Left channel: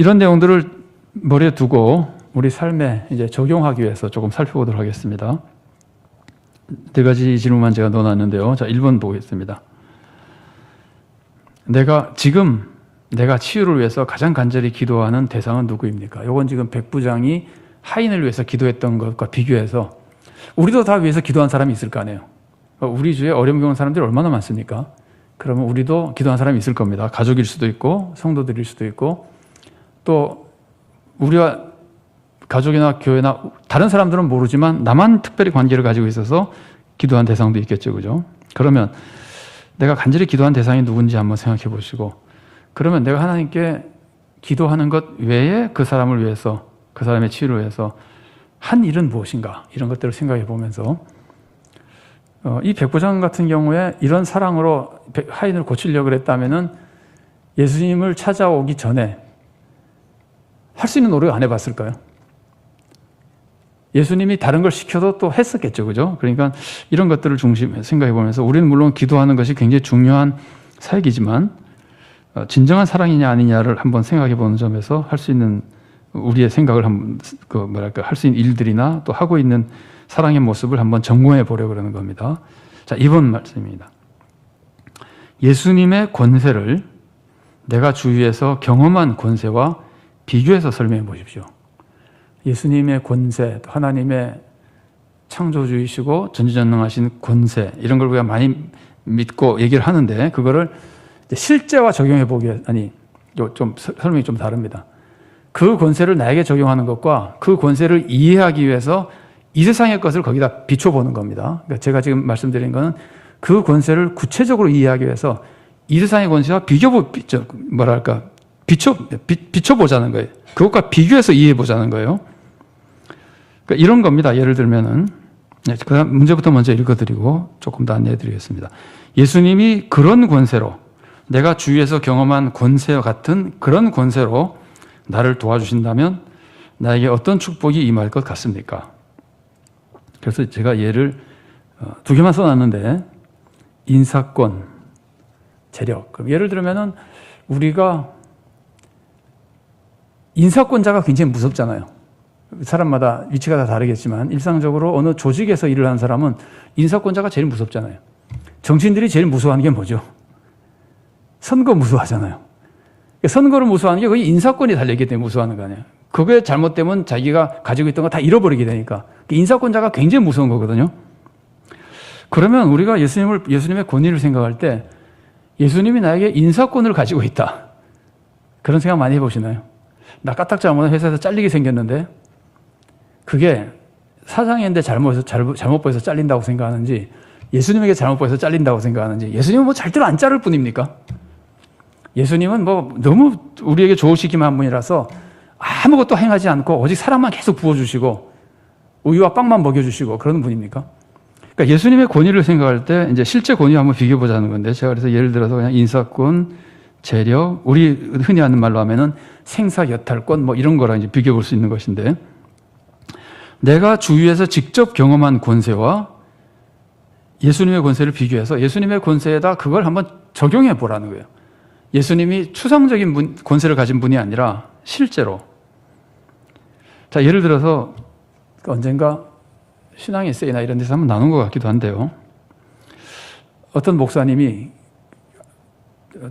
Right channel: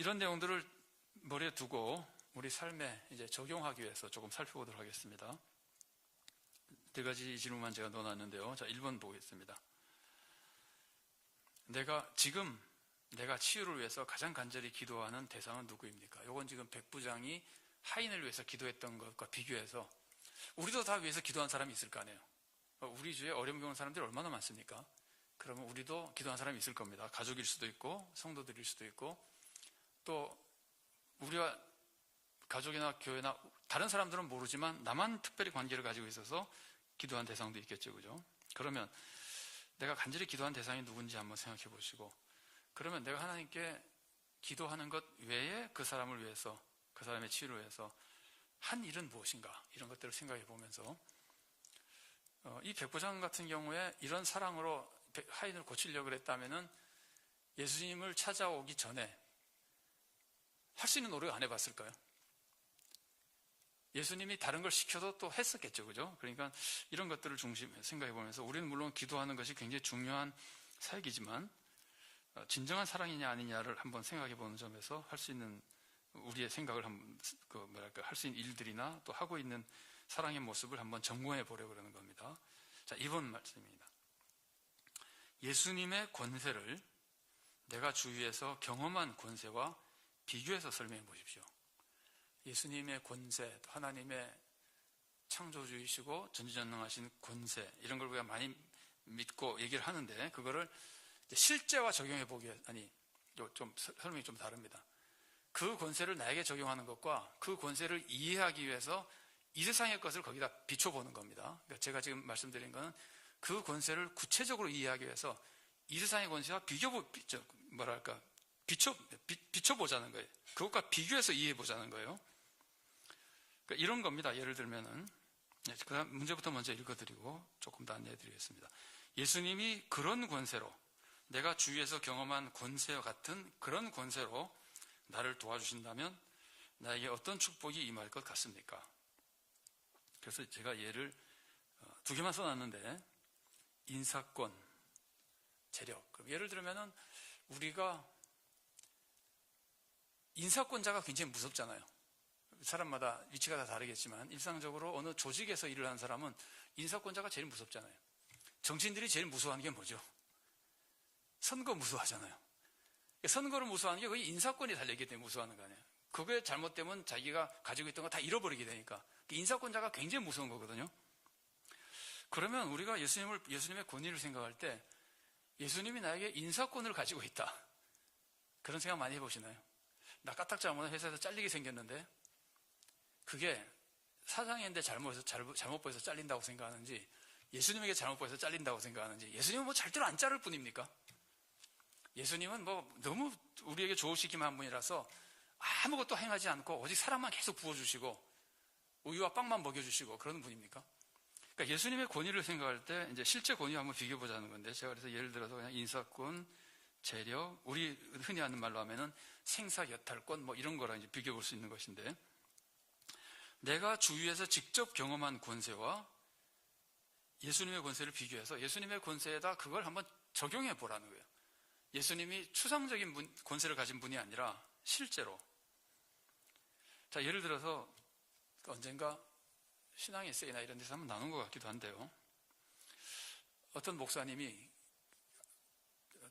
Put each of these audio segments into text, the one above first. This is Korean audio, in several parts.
이런 내용들을 머리에 두고 우리 삶에 이제 적용하기 위해서 조금 살펴보도록 하겠습니다. 네 가지 질문만 제가 넣어놨는데요. 자, 1번 보겠습니다. 지금 내가 치유를 위해서 가장 간절히 기도하는 대상은 누구입니까? 이건 지금 백부장이 하인을 위해서 기도했던 것과 비교해서 우리도 다 위해서 기도한 사람이 있을 거 아니에요. 우리 주위에 어려움 겪는 사람들이 얼마나 많습니까? 그러면 우리도 기도한 사람이 있을 겁니다. 가족일 수도 있고 성도들일 수도 있고 또 우리와 가족이나 교회나 다른 사람들은 모르지만 나만 특별히 관계를 가지고 있어서 기도한 대상도 있겠죠. 그죠? 그러면 내가 간절히 기도한 대상이 누군지 한번 생각해 보시고 그러면 내가 하나님께 기도하는 것 외에 그 사람을 위해서 그 사람의 치유를 위해서 한 일은 무엇인가 이런 것들을 생각해 보면서 이 백부장 같은 경우에 이런 사랑으로 하인을 고치려고 했다면은 예수님을 찾아오기 전에 할 수 있는 노력 안 해봤을까요? 예수님이 다른 걸 시켜도 또 했었겠죠. 그죠? 그러니까 이런 것들을 중심에 생각해 보면서 우리는 물론 기도하는 것이 굉장히 중요한 사역이지만 진정한 사랑이냐 아니냐를 한번 생각해 보는 점에서 할 수 있는 우리의 생각을 한번 할 수 있는 일들이나 또 하고 있는 사랑의 모습을 한번 점검해 보려고 그러는 겁니다. 자, 이번 말씀입니다. 예수님의 권세를 내가 주위에서 경험한 권세와 비교해서 설명해 보십시오. 예수님의 권세, 하나님의 창조주이시고 전지전능하신 권세 이런 걸 우리가 많이 믿고 얘기를 하는데 그거를 실제와 적용해 보기 좀 설명이 좀 다릅니다. 그 권세를 나에게 적용하는 것과 그 권세를 이해하기 위해서 이 세상의 것을 거기다 비춰보는 겁니다. 그러니까 제가 지금 말씀드린 거는 그 권세를 구체적으로 이해하기 위해서 이 세상의 권세와 비춰보자는 거예요. 그것과 비교해서 이해해보자는 거예요. 그러니까 이런 겁니다. 예를 들면은, 그 다음 문제부터 먼저 읽어드리고 조금 더 안내해드리겠습니다. 예수님이 그런 권세로, 내가 주위에서 경험한 권세와 같은 그런 권세로 나를 도와주신다면 나에게 어떤 축복이 임할 것 같습니까? 그래서 제가 예를 두 개만 써놨는데, 인사권, 재력. 그럼 예를 들면은 우리가 인사권자가 굉장히 무섭잖아요. 사람마다 위치가 다 다르겠지만 일상적으로 어느 조직에서 일을 하는 사람은 인사권자가 제일 무섭잖아요. 정치인들이 제일 무서워하는 게 뭐죠? 선거 무서워하잖아요. 선거를 무서워하는 게 거의 인사권이 달려있기 때문에 무서워하는 거 아니에요. 그게 잘못되면 자기가 가지고 있던 거 다 잃어버리게 되니까 인사권자가 굉장히 무서운 거거든요. 그러면 우리가 예수님의 권위를 생각할 때 예수님이 나에게 인사권을 가지고 있다. 그런 생각 많이 해보시나요? 나 까딱 잘못해서 회사에서 잘리게 생겼는데 그게 사장인데 잘못 보여서 잘린다고 생각하는지 예수님에게 잘못 보여서 잘린다고 생각하는지 예수님은 뭐 절대로 안 자를 뿐입니까? 예수님은 뭐 너무 우리에게 좋으시기만 한 분이라서 아무것도 행하지 않고 오직 사랑만 계속 부어주시고 우유와 빵만 먹여주시고 그런 분입니까? 그러니까 예수님의 권위를 생각할 때 이제 실제 권위와 한번 비교해보자는 건데 제가 그래서 예를 들어서 그냥 인사권, 재력, 우리 흔히 하는 말로 하면은 생사여탈권 뭐 이런 거랑 이제 비교해 볼 수 있는 것인데 내가 주위에서 직접 경험한 권세와 예수님의 권세를 비교해서 예수님의 권세에다 그걸 한번 적용해 보라는 거예요. 예수님이 추상적인 권세를 가진 분이 아니라 실제로. 자, 예를 들어서 언젠가 신앙의 세이나 이런 데서 한번 나눈 것 같기도 한데요. 어떤 목사님이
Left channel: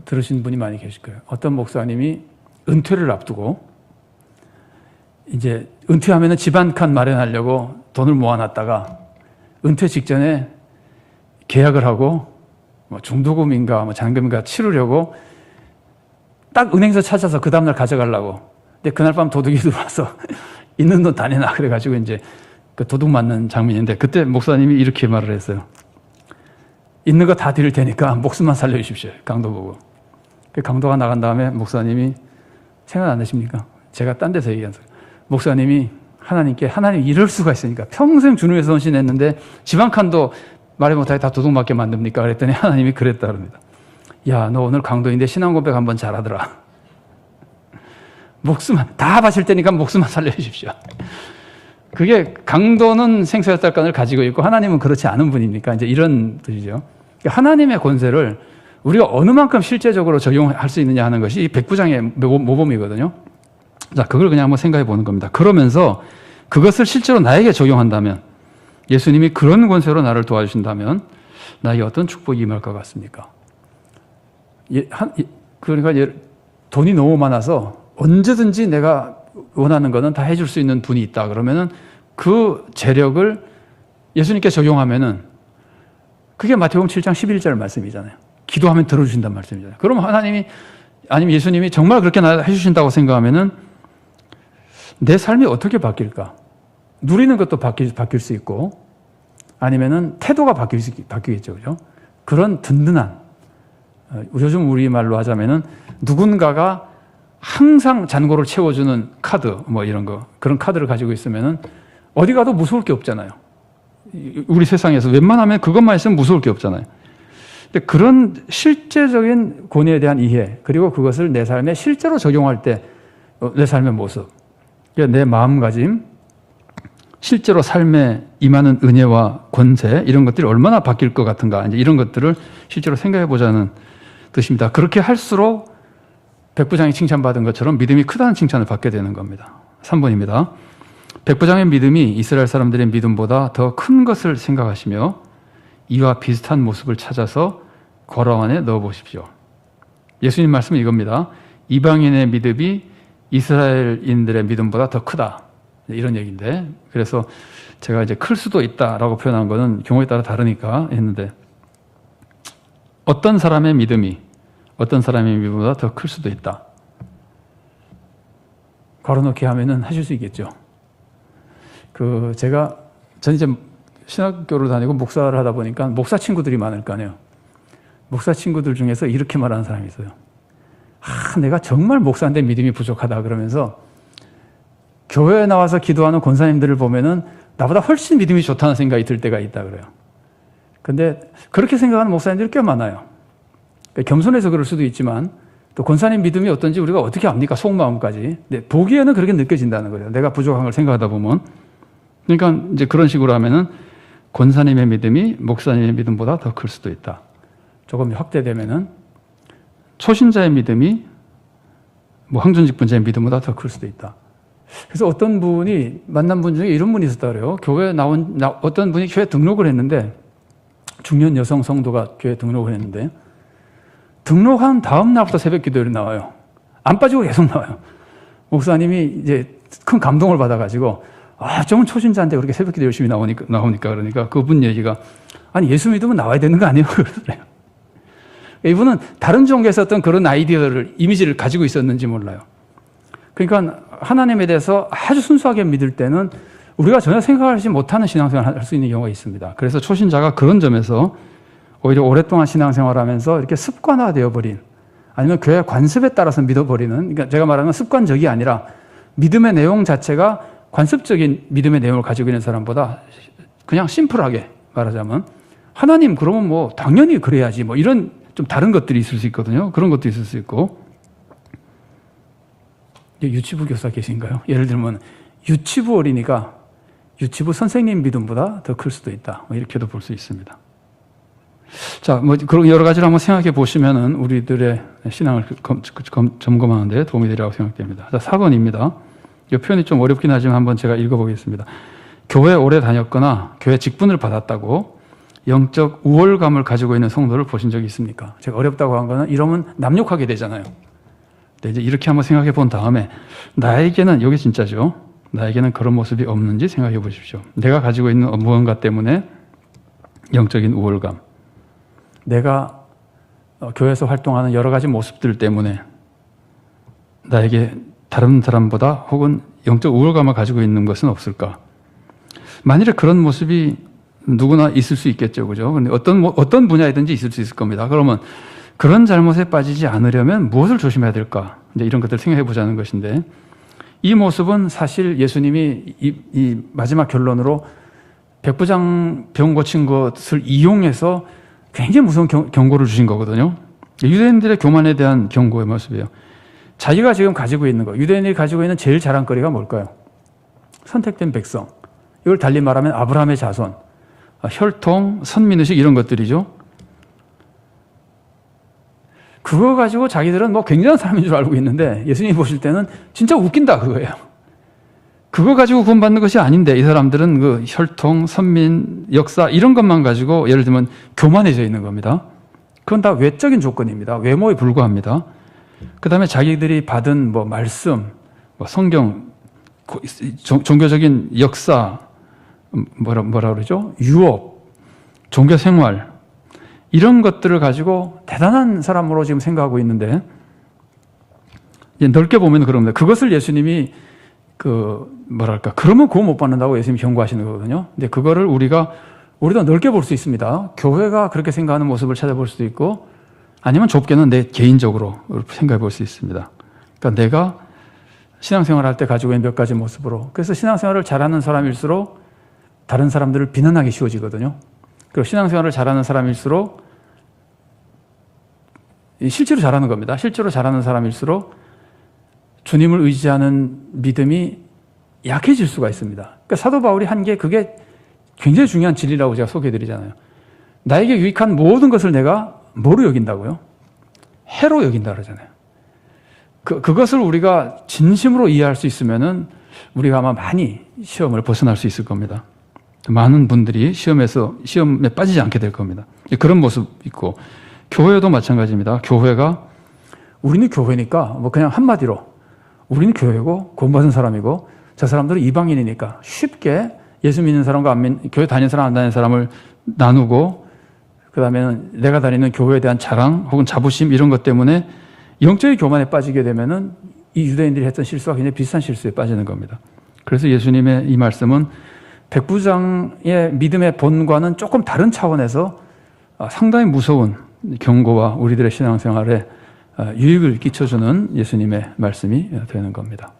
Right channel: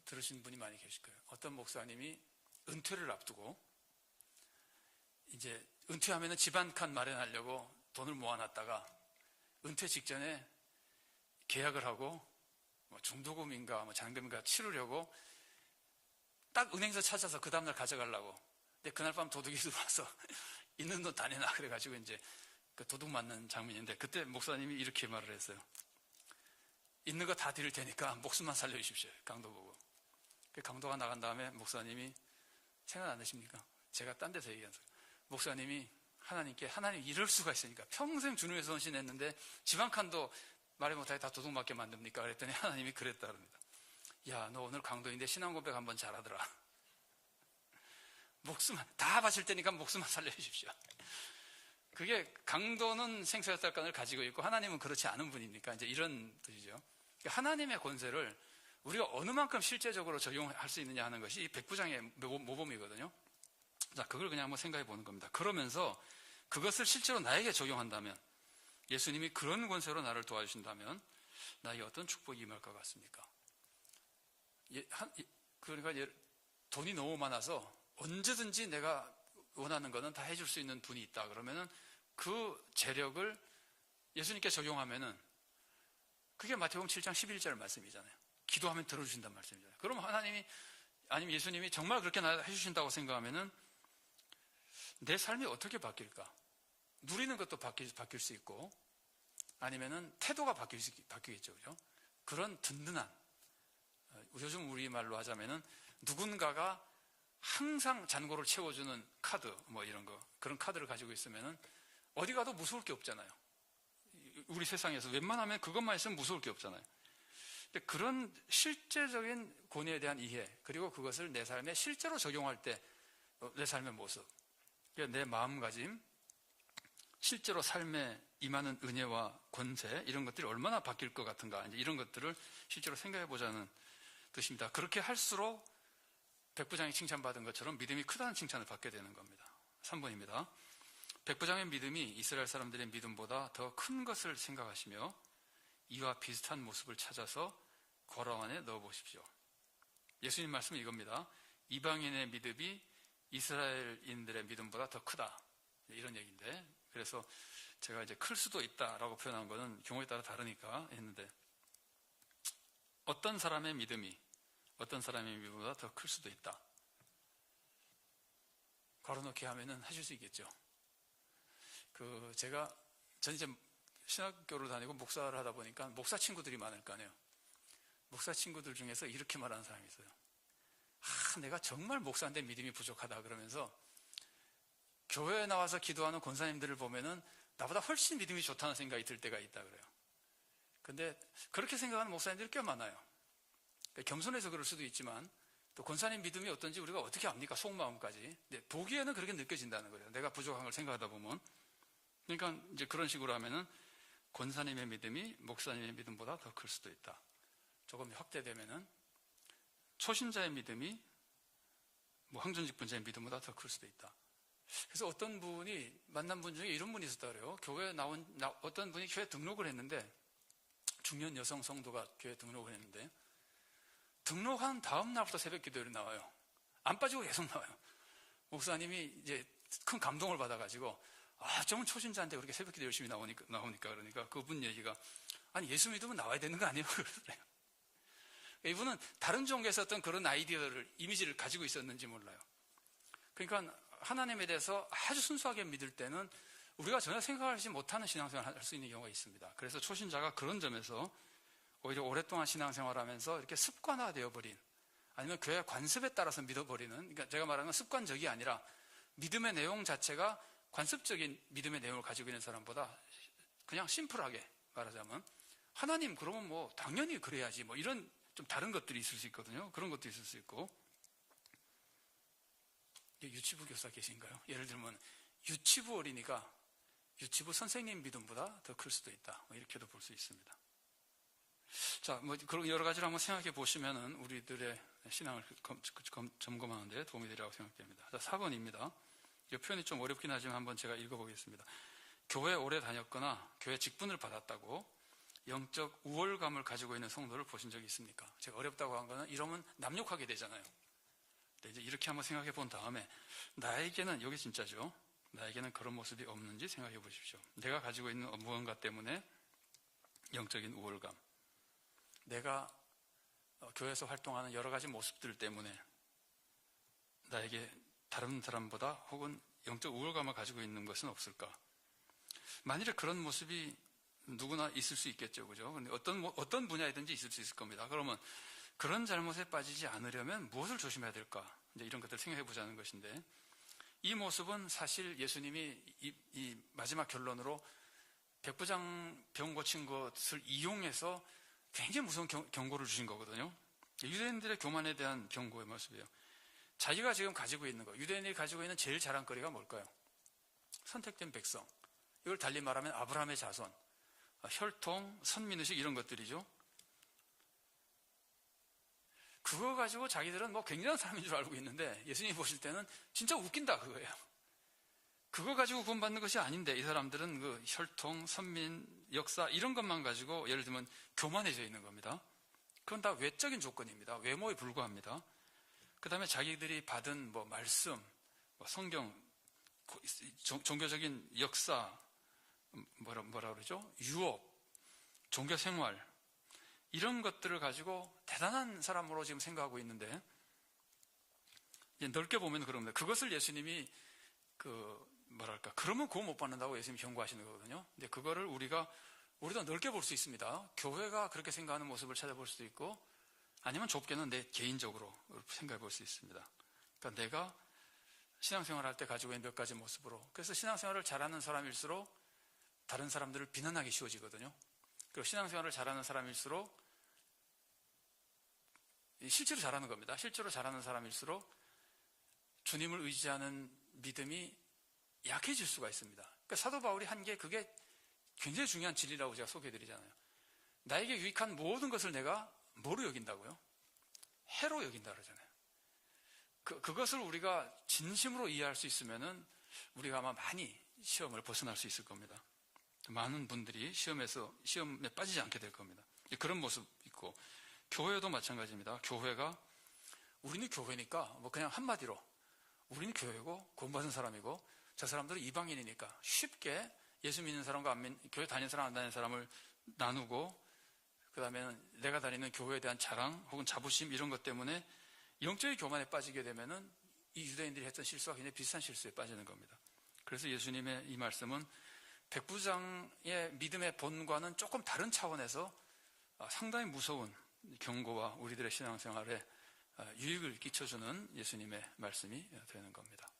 들으신 분이 많이 계실 거예요. 어떤 목사님이 은퇴를 앞두고 이제 은퇴하면 집 한 칸 마련하려고 돈을 모아놨다가 은퇴 직전에 계약을 하고 뭐 중도금인가 뭐 잔금인가 치르려고 딱 은행서 찾아서 그 다음날 가져가려고. 근데 그날 밤 도둑이 들어와서 있는 돈 다 내놔 그래가지고 이제 그 도둑 맞는 장면인데 그때 목사님이 이렇게 말을 했어요. 있는 거 다 드릴 테니까 목숨만 살려주십시오. 강도 보고. 그 강도가 나간 다음에 목사님이 생각 안 나십니까? 제가 딴 데서 얘기한 소리. 목사님이 하나님께 하나님 이럴 수가 있으니까 평생 주님 위해서 헌신했는데 집 한 칸도 말해 못하게 다 도둑 맞게 만듭니까? 그랬더니 하나님이 그랬다 그럽니다. 야, 너 오늘 강도인데 신앙 고백 한번 잘하더라. 목숨만 다 바칠 테니까 목숨만 살려주십시오. 그게 강도는 생사여탈권을 가지고 있고 하나님은 그렇지 않은 분이니까 이제 이런 뜻이죠. 하나님의 권세를 우리가 어느 만큼 실제적으로 적용할 수 있느냐 하는 것이 이 백부장의 모범이거든요. 자, 그걸 그냥 한번 생각해 보는 겁니다. 그러면서 그것을 실제로 나에게 적용한다면, 예수님이 그런 권세로 나를 도와주신다면 나에게 어떤 축복이 임할 것 같습니까? 그러니까 돈이 너무 많아서 언제든지 내가 원하는 거는 다 해줄 수 있는 분이 있다. 그러면은 그 재력을 예수님께 적용하면은 그게 마태복음 7장 11절 말씀이잖아요. 기도하면 들어주신다는 말씀이잖아요. 그럼 하나님이, 아니면 예수님이 정말 그렇게 해주신다고 생각하면은 내 삶이 어떻게 바뀔까? 누리는 것도 바뀔 수 있고, 아니면은 태도가 바뀌겠죠. 그죠? 그런 든든한, 요즘 우리말로 하자면은 누군가가 항상 잔고를 채워주는 카드, 뭐 이런 거, 그런 카드를 가지고 있으면은 어디 가도 무서울 게 없잖아요. 우리 세상에서 웬만하면 그것만 있으면 무서울 게 없잖아요. 근데 그런 실제적인 권위에 대한 이해, 그리고 그것을 내 삶에 실제로 적용할 때 내 삶의 모습, 내 마음가짐, 실제로 삶에 임하는 은혜와 권세, 이런 것들이 얼마나 바뀔 것 같은가, 이제 이런 것들을 실제로 생각해 보자는 뜻입니다. 그렇게 할수록 백부장이 칭찬받은 것처럼 믿음이 크다는 칭찬을 받게 되는 겁니다. 3번입니다. 백부장의 믿음이 이스라엘 사람들의 믿음보다 더 큰 것을 생각하시며 이와 비슷한 모습을 찾아서 거라 안에 넣어보십시오. 예수님 말씀은 이겁니다. 이방인의 믿음이 이스라엘인들의 믿음보다 더 크다. 이런 얘기인데, 그래서 제가 이제 클 수도 있다라고 표현한 거는 경우에 따라 다르니까 했는데, 어떤 사람의 믿음이 어떤 사람의 믿음보다 더 클 수도 있다. 걸어놓기 하면은 하실 수 있겠죠. 전 이제 신학교를 다니고 목사를 하다 보니까 목사 친구들이 많을 거 아니에요. 목사 친구들 중에서 이렇게 말하는 사람이 있어요. 내가 정말 목사인데 믿음이 부족하다 그러면서 교회에 나와서 기도하는 권사님들을 보면은 나보다 훨씬 믿음이 좋다는 생각이 들 때가 있다 그래요. 근데 그렇게 생각하는 목사님들이 꽤 많아요. 겸손해서 그럴 수도 있지만 또 권사님 믿음이 어떤지 우리가 어떻게 압니까? 속마음까지. 근데 보기에는 그렇게 느껴진다는 거예요. 내가 부족한 걸 생각하다 보면. 그러니까 이제 그런 식으로 하면은 권사님의 믿음이 목사님의 믿음보다 더 클 수도 있다. 조금 확대되면은 초신자의 믿음이 뭐 황전직 분자의 믿음보다 더 클 수도 있다. 그래서 어떤 분이 만난 분 중에 이런 분이 있었다 그래요. 교회에 어떤 분이 교회 등록을 했는데, 중년 여성 성도가 교회 등록을 했는데, 등록한 다음 날부터 새벽 기도를 나와요. 안 빠지고 계속 나와요. 목사님이 이제 큰 감동을 받아가지고, 저건 초신자인데 그렇게 새벽 기도 열심히 나오니까 그러니까 그분 얘기가, 아니 예수 믿으면 나와야 되는 거 아니에요? 그러더래요. 이분은 다른 종교에서 어떤 그런 아이디어를, 이미지를 가지고 있었는지 몰라요. 그러니까 하나님에 대해서 아주 순수하게 믿을 때는 우리가 전혀 생각하지 못하는 신앙생활을 할 수 있는 경우가 있습니다. 그래서 초신자가 그런 점에서 오히려 오랫동안 신앙생활을 하면서 이렇게 습관화되어 버린, 아니면 교회 관습에 따라서 믿어버리는, 그러니까 제가 말하는 건 습관적이 아니라 믿음의 내용 자체가 관습적인 믿음의 내용을 가지고 있는 사람보다 그냥 심플하게 말하자면, 하나님 그러면 뭐 당연히 그래야지, 뭐 이런 좀 다른 것들이 있을 수 있거든요. 그런 것도 있을 수 있고. 유치부 교사 계신가요? 예를 들면 유치부 어린이가 유치부 선생님 믿음보다 더 클 수도 있다. 뭐 이렇게도 볼 수 있습니다. 자, 뭐 그런 여러 가지를 한번 생각해 보시면은 우리들의 신앙을 점검하는 데 도움이 되리라고 생각됩니다. 자, 4번입니다. 이 표현이 좀 어렵긴 하지만 한번 제가 읽어보겠습니다. 교회 오래 다녔거나 교회 직분을 받았다고 영적 우월감을 가지고 있는 성도를 보신 적이 있습니까? 제가 어렵다고 한 거는 이러면 남욕하게 되잖아요. 근데 이제 이렇게 한번 생각해 본 다음에 나에게는, 여기 진짜죠. 나에게는 그런 모습이 없는지 생각해 보십시오. 내가 가지고 있는 무언가 때문에 영적인 우월감, 내가 교회에서 활동하는 여러 가지 모습들 때문에 나에게 다른 사람보다 혹은 영적 우월감을 가지고 있는 것은 없을까? 만일에 그런 모습이 누구나 있을 수 있겠죠, 그죠? 근데 어떤 분야이든지 있을 수 있을 겁니다. 그러면 그런 잘못에 빠지지 않으려면 무엇을 조심해야 될까? 이제 이런 것들을 생각해 보자는 것인데, 이 모습은 사실 예수님이 이 마지막 결론으로 백부장 병 고친 것을 이용해서 굉장히 무서운 경고를 주신 거거든요. 유대인들의 교만에 대한 경고의 모습이에요. 자기가 지금 가지고 있는 거, 유대인이 가지고 있는 제일 자랑거리가 뭘까요? 선택된 백성. 이걸 달리 말하면 아브라함의 자손, 혈통, 선민의식, 이런 것들이죠. 그거 가지고 자기들은 뭐 굉장한 사람인 줄 알고 있는데 예수님이 보실 때는 진짜 웃긴다 그거예요. 그거 가지고 구원받는 것이 아닌데 이 사람들은 그 혈통, 선민, 역사 이런 것만 가지고 예를 들면 교만해져 있는 겁니다. 그건 다 외적인 조건입니다. 외모에 불과합니다. 그 다음에 자기들이 받은 뭐 말씀, 뭐 성경, 종교적인 역사, 뭐라 그러죠? 유업, 종교 생활, 이런 것들을 가지고 대단한 사람으로 지금 생각하고 있는데, 넓게 보면 그럽니다. 그것을 예수님이 그러면 구원 못 받는다고 예수님이 경고하시는 거거든요. 근데 그거를 우리도 넓게 볼 수 있습니다. 교회가 그렇게 생각하는 모습을 찾아볼 수도 있고, 아니면 좁게는 내 개인적으로 생각해 볼 수 있습니다. 그러니까 내가 신앙생활 할 때 가지고 있는 몇 가지 모습으로. 그래서 신앙생활을 잘하는 사람일수록 다른 사람들을 비난하기 쉬워지거든요. 그리고 신앙생활을 잘하는 사람일수록 실제로 잘하는 겁니다. 실제로 잘하는 사람일수록 주님을 의지하는 믿음이 약해질 수가 있습니다. 그러니까 사도 바울이 한 게 그게 굉장히 중요한 진리라고 제가 소개해드리잖아요. 나에게 유익한 모든 것을 내가 뭐로 여긴다고요? 해로 여긴다 그러잖아요. 그것을 우리가 진심으로 이해할 수 있으면은 우리가 아마 많이 시험을 벗어날 수 있을 겁니다. 많은 분들이 시험에 빠지지 않게 될 겁니다. 그런 모습 있고, 교회도 마찬가지입니다. 교회가 우리는 교회니까 뭐 그냥 한마디로 우리는 교회고 구원받은 사람이고 저 사람들은 이방인이니까 쉽게 예수 믿는 사람과 교회 다니는 사람 안 다니는 사람을 나누고, 그 다음에는 내가 다니는 교회에 대한 자랑 혹은 자부심 이런 것 때문에 영적인 교만에 빠지게 되면은 이 유대인들이 했던 실수와 굉장히 비슷한 실수에 빠지는 겁니다. 그래서 예수님의 이 말씀은 백부장의 믿음의 본과는 조금 다른 차원에서 상당히 무서운 경고와 우리들의 신앙생활에 유익을 끼쳐주는 예수님의 말씀이 되는 겁니다.